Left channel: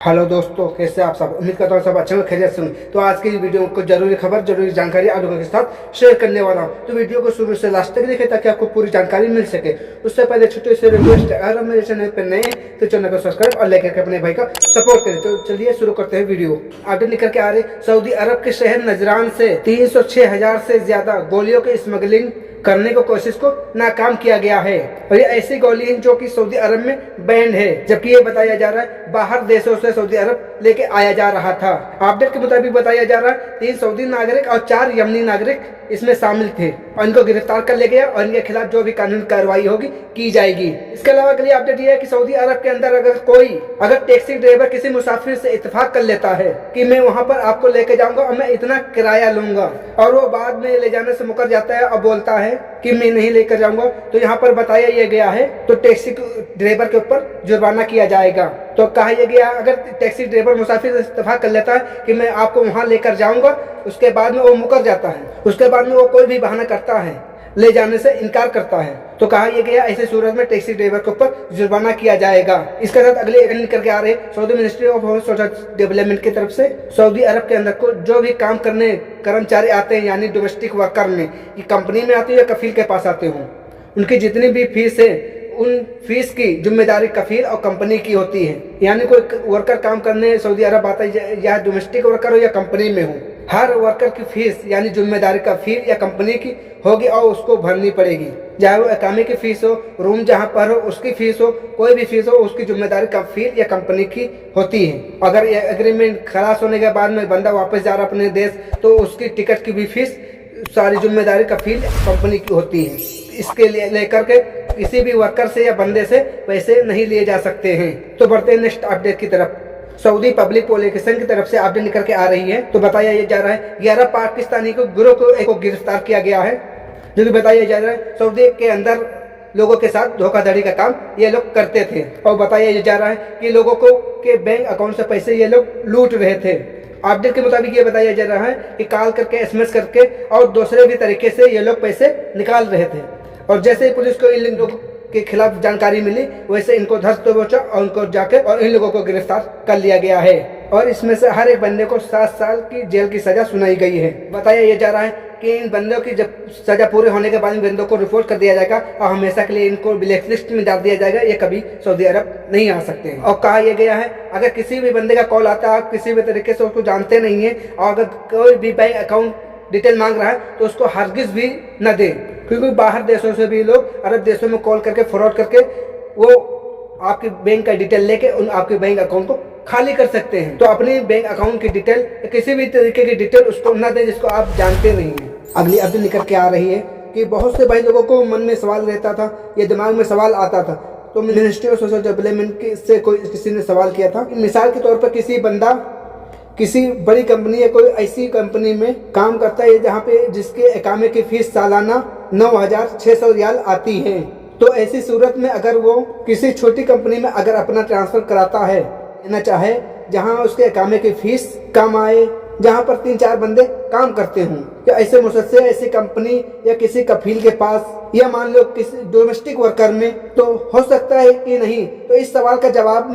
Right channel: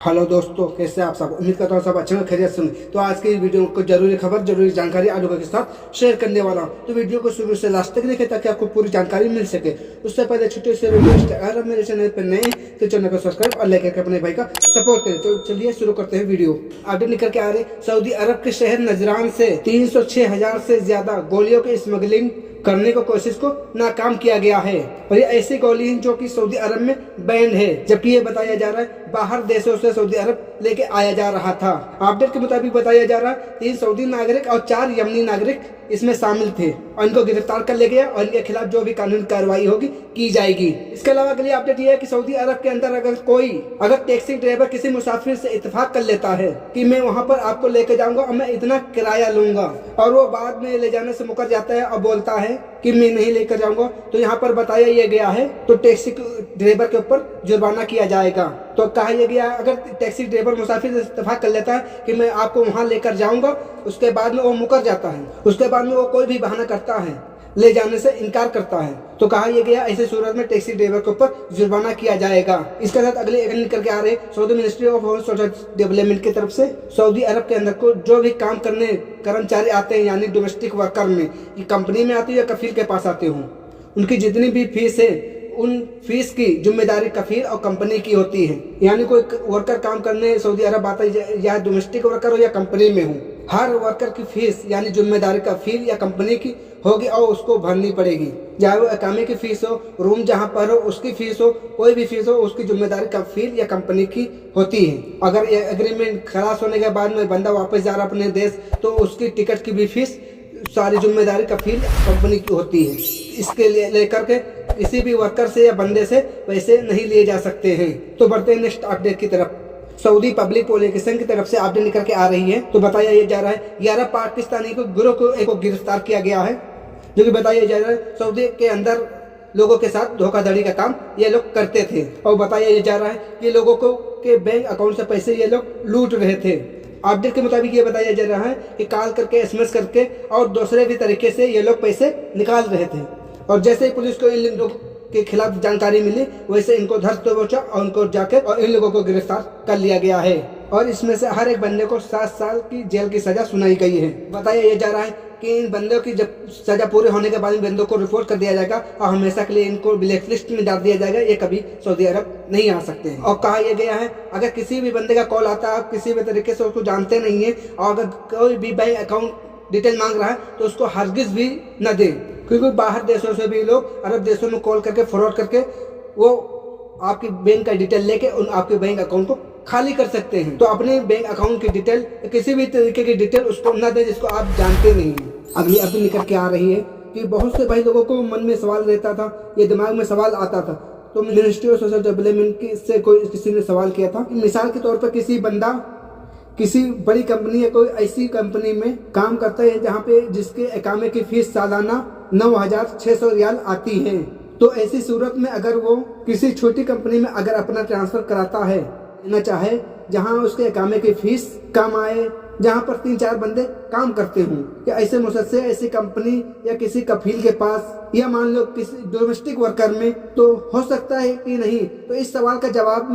Hello दोस्तों, कैसे आप सब। उम्मीद करता हूँ सब अच्छे में खैरियत से होंगे। तो आज की वीडियो को जरूरी खबर, जरूरी जानकारी आप लोगों के साथ शेयर करने वाला हूँ। तो वीडियो को शुरू से लास्ट तक देखें ताकि आपको पूरी जानकारी मिल सके। उससे पहले छोटे से रिक्वेस्ट, अगर मेरे चैनल पर नए हैं तो चैनल को सब्सक्राइब और लेकर अपने भाई का सपोर्ट करें। तो चलिए शुरू करते हैं वीडियो। अपडेट निकल के आ रहे, सऊदी अरब के शहर नजरान से 306,000 से ज्यादा गोलियों की स्मगलिंग करने को कोशिश को नाकाम किया गया है। और ये ऐसी गोली है जो कि सऊदी अरब में बैन है, जबकि ये बताया जा रहा है बाहर देशों से सऊदी अरब लेके आया जा रहा था। अपडेट के मुताबिक बताया जा रहा है 3 सऊदी नागरिक और 4 यमनी नागरिक इसमें शामिल थे और इनको गिरफ्तार कर ले गया और इनके खिलाफ जो भी कानूनी कार्रवाई होगी की जाएगी। इसके अलावा अगली अपडेट ये है कि सऊदी अरब के अंदर अगर टैक्सी ड्राइवर किसी मुसाफिर से इत्तेफाक कर लेता है कि मैं वहाँ पर आपको लेके जाऊंगा और मैं इतना किराया लूंगा, और वो बाद में ले जाने से मुकर जाता है और बोलता है कि मैं नहीं लेकर जाऊंगा, तो यहाँ पर बताया यह गया है तो टैक्सी ड्राइवर के ऊपर जुर्माना किया जाएगा। तो कहा यह गया, अगर टैक्सी ड्राइवर मुसाफिर से इत्तेफाक कर लेता है कि मैं आपको वहां लेकर जाऊंगा, उसके बाद में वो मुकर जाता है, उसके बाद में वो कोई भी बहाना करता है, ले जाने से इनकार करता है, तो कहा यह गया ऐसे सूरत में टैक्सी ड्राइवर के ऊपर जुर्माना किया जाएगा। इसके साथ अगले निकल के आ रहे Saudi ministry of social development की तरफ से सऊदी अरब के अंदर को जो भी काम करने कर्मचारी आते हैं, यानी डोमेस्टिक वर्कर में, ये कंपनी में आते हैं या कफील के पास आते हों, उनकी जितनी भी फीस है उन फीस की जिम्मेदारी कफील और कंपनी की होती है। यानी कोई वर्कर काम करने सऊदी अरब आता है, या डोमेस्टिक वर्कर हो या कंपनी में हो, हर वर्कर की फीस यानी जिम्मेदारी कफील या कंपनी की होगी और उसको भरनी पड़ेगी। चाहे वो इकामे की फीस हो, रूम जहाँ पर हो उसकी फीस हो, कोई भी फीस हो, उसकी जिम्मेदारी कफील या कंपनी की होती है। अगर ये एग्रीमेंट खलास होने के बाद में बंदा वापस जा रहा अपने देश, तो उसकी टिकट की भी फीस, सारी जिम्मेदारी कफील कंपनी की होती है। इसके लिए लेकर के किसी भी वर्कर से या बंदे से पैसे नहीं लिए जा सकते हैं। तो बढ़ते हैं नेक्स्ट अपडेट की तरफ। सऊदी पब्लिक प्रोसिक्यूशन की तरफ से अपडेट निकल के आ रही है, तो बताया यह जा रहा है 11 पाकिस्तानी को गिरोह को गिरफ्तार किया गया है, जो कि बताया जा रहा है सऊदी के अंदर लोगों के साथ धोखाधड़ी का काम ये लोग करते थे। और बताया जा रहा है कि लोगों को के बैंक अकाउंट से पैसे ये लोग लूट रहे थे। अपडेट के मुताबिक ये बताया जा रहा है कि कॉल करके, एसएमएस करके और दूसरे भी तरीके से ये लोग पैसे निकाल रहे थे। और जैसे ही पुलिस को इन लोगों के खिलाफ जानकारी मिली, वैसे इनको धर दबोचा और उनको जाकर और इन लोगों को गिरफ्तार कर लिया गया है। और इसमें से हर एक बंदे को 7 साल की जेल की सजा सुनाई गई है। बताया यह जा रहा है कि इन बंदों की जब सजा पूरी होने के बाद इन बंदों को रिपोर्ट कर दिया जाएगा और हमेशा के लिए इनको ब्लैक लिस्ट में डाल दिया जाएगा, ये कभी सऊदी अरब नहीं आ सकते हैं। और कहा यह गया है, अगर किसी भी बंदे का कॉल आता है, आप किसी भी तरीके से उसको जानते नहीं है, और अगर कोई भी बैंक अकाउंट डिटेल मांग रहा है तो उसको हरगिज भी न दे, क्योंकि बाहर देशों से भी लोग अरब देशों में कॉल करके फ्रॉड करके वो आपके बैंक का डिटेल लेके उन आपके बैंक अकाउंट को खाली कर सकते हैं। तो अपने बैंक अकाउंट की डिटेल या किसी भी तरीके की डिटेल उसको न दे जिसको आप जानते नहीं हैं। अगली अपडेट निकल के आ रही है कि बहुत से भाई लोगों को मन में सवाल रहता था, ये दिमाग में सवाल आता था, तो मिनिस्ट्री ऑफ सोशल डेवलपमेंट से किसी ने सवाल किया था, मिसाल के तौर पर किसी बंदा किसी बड़ी कंपनी या कोई ऐसी कंपनी में काम करता है जहाँ पे जिसके इकामे की फीस सालाना 9,600 रियाल आती है, तो ऐसी सूरत में अगर वो किसी छोटी कंपनी में अगर अपना ट्रांसफर कराता है ना चाहे, जहाँ उसके इकामे की फीस कम आए, जहाँ पर 3-4 बंदे काम करते हों, या ऐसे मुसलसल ऐसी कंपनी या किसी कफील के पास, या मान लो किसी डोमेस्टिक वर्कर में, तो हो सकता है कि नहीं। तो इस सवाल का जवाब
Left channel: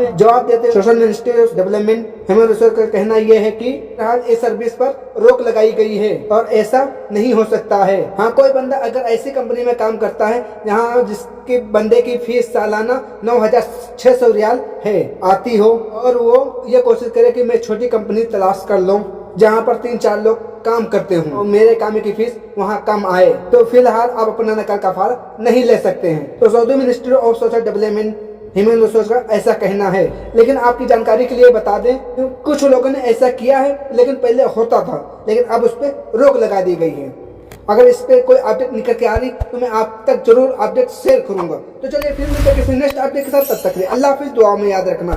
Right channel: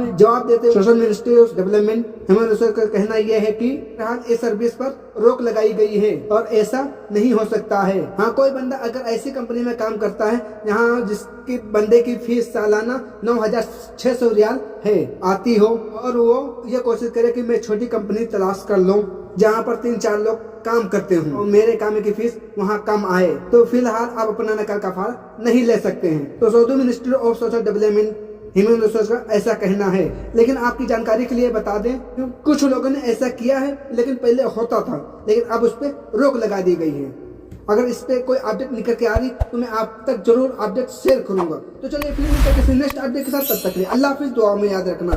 देते social ministry of development human resource का कहना यह है कि इस सर्विस पर रोक लगाई गई है और ऐसा नहीं हो सकता है। हाँ, कोई बंदा अगर ऐसी कंपनी में काम करता है जहाँ जिसके बंदे की फीस सालाना 9,600 रियाल है आती हो, और वो ये कोशिश करे कि मैं छोटी कंपनी तलाश कर लूँ जहाँ पर 3-4 लोग काम करते हों और मेरे काम की फीस वहाँ कम आए, तो फिलहाल आप अपना नकल कफारा नहीं ले सकते हैं। तो Saudi ministry of social development human resource का ऐसा कहना है। लेकिन आपकी जानकारी के लिए बता दें, कुछ लोगों ने ऐसा किया है, लेकिन पहले होता था, लेकिन अब उस पर रोक लगा दी गई है। अगर इस पे कोई अपडेट निकल के आ रही तो मैं आप तक जरूर अपडेट शेयर करूंगा। तो चलिए फिर मिलते हैं किसी नेक्स्ट अपडेट के साथ, तब तक के लिए अल्लाह हाफिज, दुआ में याद रखना।